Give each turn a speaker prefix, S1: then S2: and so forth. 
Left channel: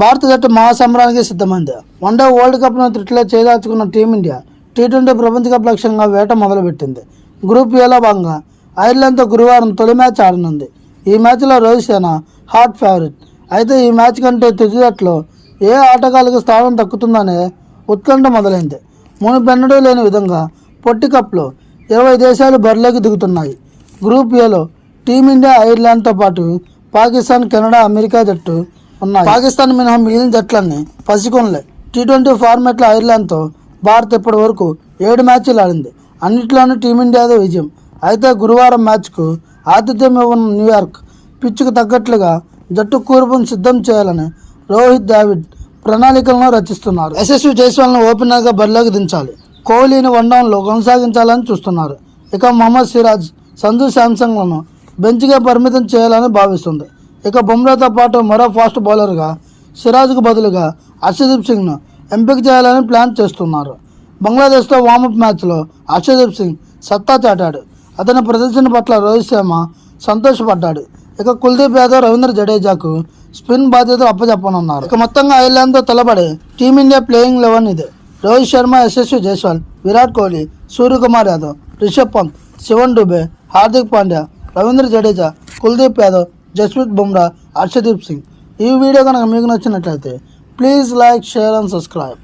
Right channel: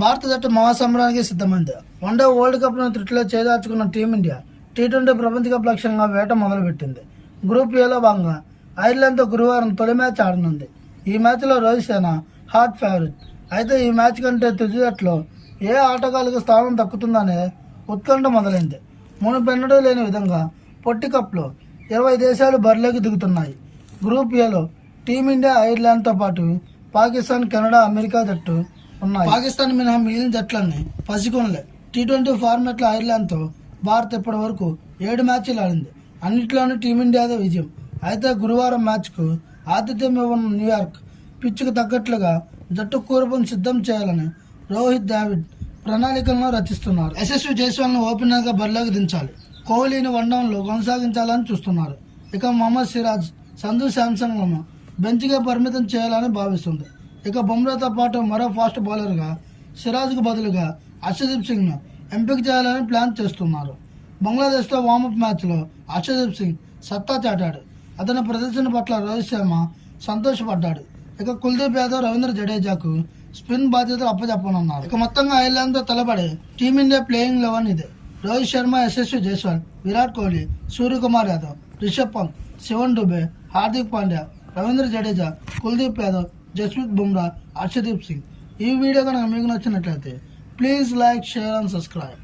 S1: భారత జట్టు మహాసమరానికి సిద్ధమైంది. వన్డే వరల్డ్ కప్ను త్రిట్లో చేదార్చుకున్న టీమిండియా టీ ట్వంటీ ప్రపంచ కప్ లక్ష్యంగా వేట మొదలుపెట్టింది. గ్రూప్ ఏలో భాగంగా ఐర్లాండ్తో గురువారం తొలి మ్యాచ్ ఆడనుంది. ఈ మ్యాచ్లో రోహిత్ శర్మ హాట్ ఫేవరెట్. అయితే ఈ మ్యాచ్ కంటే తుది జట్లో ఏ ఆటగాళ్ళకి స్థానం దక్కుతుందనే ఉత్కంఠ మొదలైంది. మునుపెన్నడూ లేని విధంగా పొట్టి కప్లో ఇరవై దేశాలు బరిలోకి దిగుతున్నాయి. గ్రూప్ ఏలో టీమిండియా ఐర్లాండ్తో పాటు పాకిస్తాన్ కెనడా అమెరికా జట్టు ఉన్నాయి. పాకిస్తాన్ మినహా మిగిలిన జట్లన్నీ పసికొనలే. టీ ట్వంటీ ఫార్మాట్లో ఐర్లాండ్తో భారత్ ఇప్పటి వరకు ఏడు మ్యాచ్లు ఆడింది. అన్నిట్లోనూ టీమిండియాదే విజయం. అయితే గురువారం మ్యాచ్కు ఆతిథ్యం ఇవ్వనున్న న్యూయార్క్ పిచ్చుకు తగ్గట్లుగా జట్టు కూర్పును సిద్ధం చేయాలని రోహిత్ ద్రావిడ్ ప్రణాళికలను రచిస్తున్నారు. యశస్వి జైస్వాల్ను ఓపెనర్గా బరిలోకి దించాలి. కోహ్లీని వన్డౌన్లో కొనసాగించాలని చూస్తున్నారు. ఇక మొహమ్మద్ సిరాజ్ సంజు శాంసంగ్లను బెంచ్గా పరిమితం చేయాలని భావిస్తుంది. ఇక బుమ్రాతో పాటు మరో ఫాస్ట్ బౌలర్గా సిరాజ్కు బదులుగా హర్షదీప్ సింగ్ను ఎంపిక చేయాలని ప్లాన్ చేస్తున్నారు. బంగ్లాదేశ్తో వార్మప్ మ్యాచ్లో అర్షదీప్ సింగ్ సత్తా చాటాడు. అతని ప్రదర్శన పట్ల రోహిత్ శర్మ సంతోషపడ్డాడు. ఇక కుల్దీప్ యాదవ్ రవీంద్ర జడేజాకు స్పిన్ బాధ్యతలు అప్పచెప్పనున్నారు ఇక మొత్తంగా ఐర్లాండ్తో తలబడే టీమిండియా ప్లేయింగ్ లెవెన్ ఇది. రోహిత్ శర్మ యశస్వి జైస్వాల్ విరాట్ కోహ్లీ సూర్యకుమార్ యాదవ్ రిషబ్ పంత్ శివన్ డుబే హార్దిక్ పాండ్యా రవీంద్ర జడేజా కుల్దీప్ యాదవ్ జస్ప్రీత్ బుమ్రా హర్షదీప్ సింగ్. ఈ వీడియో కనుక మీకు నచ్చినట్లయితే please like share and subscribe